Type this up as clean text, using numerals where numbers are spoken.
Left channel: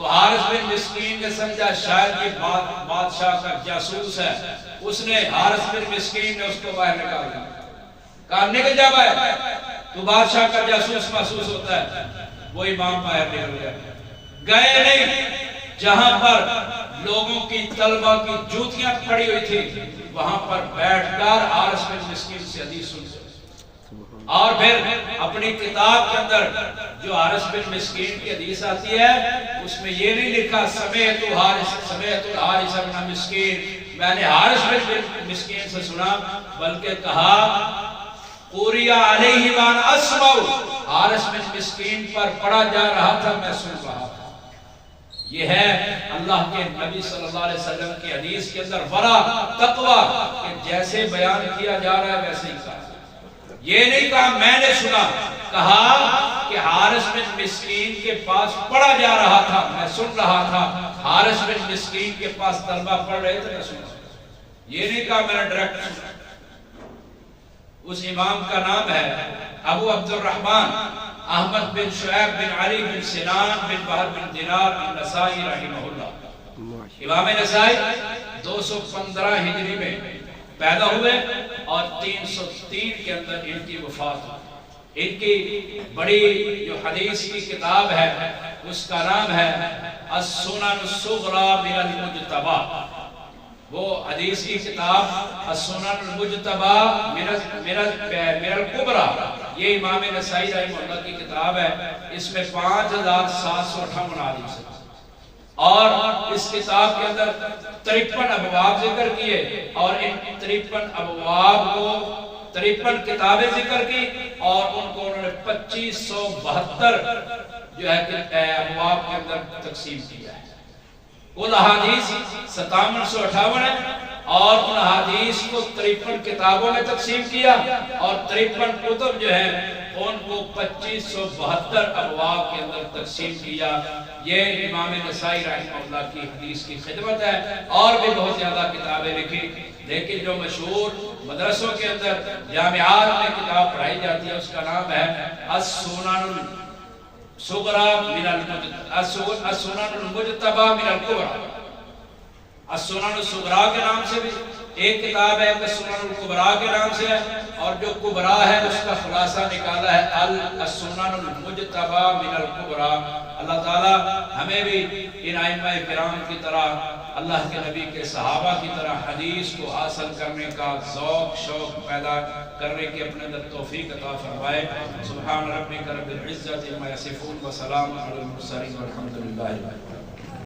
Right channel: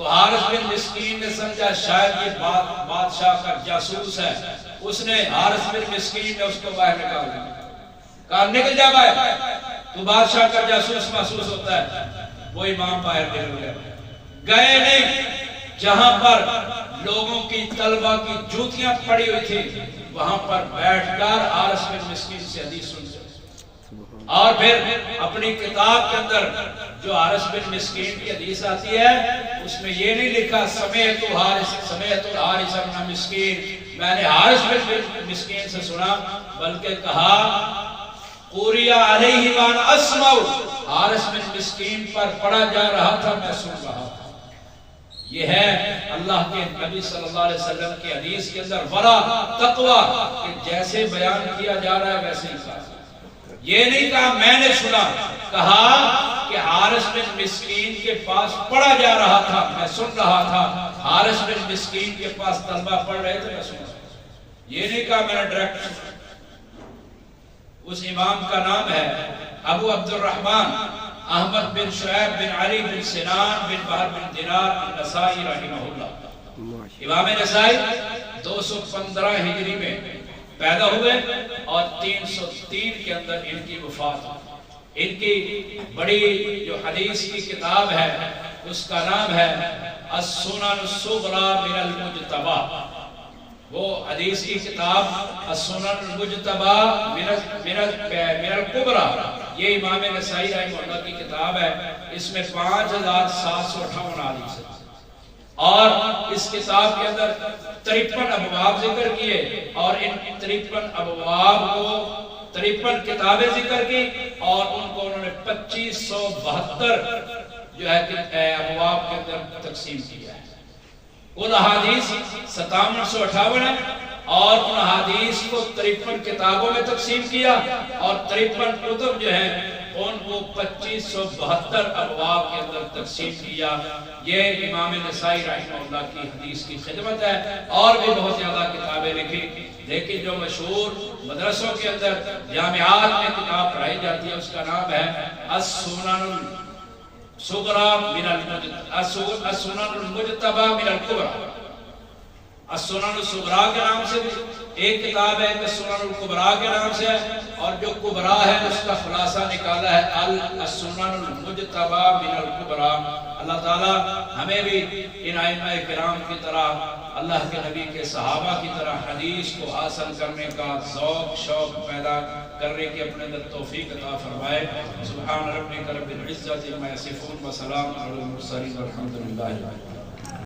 تو حارث بن مسکین نے سمجھا شاید یہ بادشاہ کا جاسوس ہے، اس نے حارث بن مسکین نے اس کو باہر نکال دیا، کہا نکل جا باہر، تو بادشاہ کا جاسوس محسوس ہوتا ہے۔ وہ امام باہر نکل گئے، گئے نہیں، جہاں پر لوگوں کی طلبہ کی جوتیاں پڑی ہوئی تھی وہاں پر بیٹھ کر حارث بن مسکین سے حدیث سنتے، اور پھر اپنی کتاب کے اندر جو حارث بن مسکین کی حدیث آتی ہے اس میں یہ نہیں لکھا سمیعت حارث بن مسکین، میں نے حارث بن مسکین سے سنا، بلکہ کہا قُرِئَ عَلَيْهِ وَأَنَا أَسْمَعُ، حارث بن مسکین پر پڑھا جا رہا تھا، میں سن رہا تھا۔ یہ ہے اللہ کے نبی صلی اللہ علیہ وسلم کی حدیث کے اندر ورع تقویٰ، کہ جیسے بیان کیا جا رہا ہے ویسے ہی کہا۔ یہ نہیں کہا میں نے سنا، کہا کہ حارث بن مسکین کے پاس پڑھا جا رہا تھا، میں سن رہا تھا۔ حارث بن مسکین کے پاس طلبہ پڑھ رہے تھے، میں سن رہا تھا۔ یہ نہیں کہا میں نے ڈائریکٹ سنا۔ اس امام کا نام ہے ابو عبد الرحمن احمد بن شعیب بن علی بن سنان بن بہر بن دینار النسائی رحمہ اللہ۔ امام نسائی 215 ہجری میں پیدا ہوئے اور 303 کے اندر ان کی وفات ہوئی۔ ان کی بڑی جو حدیث کی کتاب ہے اس کا نام ہے السنن الصغری من المجتبی، وہ حدیث کی کتاب السنن المجتبی من الکبری، یہ امام نسائی رحمہ اللہ کی کتاب ہے۔ اس میں 5758 حدیث ہے، اور اس کتاب کے اندر 53 ابواب ذکر کیے، اور ان 53 ابواب کو 53 کتابیں ذکر کی، اور ان کو انہوں نے 2572 جو ہے ابواب کے اندر تقسیم کیا ہے۔ ان احادیث 5758 ہے، اور ان احادیث کو 53 کتابوں میں تقسیم کیا، اور 53 کتب جو ہیں ان کو 2572 ابواب کے اندر تقسیم کیا۔ یہ امام نسائی رحمہ اللہ کی حدیث کی خدمت ہے، اور بھی بہت زیادہ کتابیں لکھی، لیکن جو مشہور مدرسوں کے اندر جامعات میں کتاب پڑھائی جاتی ہے اس کا نام ہے السنن الصغری من السنن المجتبی من الکبری۔ السنن الصغری کے نام سے بھی ایک کتاب ہے، السنن الکبری کے نام سے ہے، اور جو کبریٰ ہے اس کا خلاصہ نکالا ہے السنن المجتبی من الکبری۔ اللہ تعالیٰ ہمیں بھی ان ائمہ کرام کی طرح، اللہ کے نبی کے صحابہ کی طرح حدیث کو حاصل کرنے کا ذوق شوق پیدا کرنے کی اپنے اندر توفیق عطا فرمائے۔ سبحان ربک رب العزۃ عما یصفون وسلام علی المرسلین والحمد للہ۔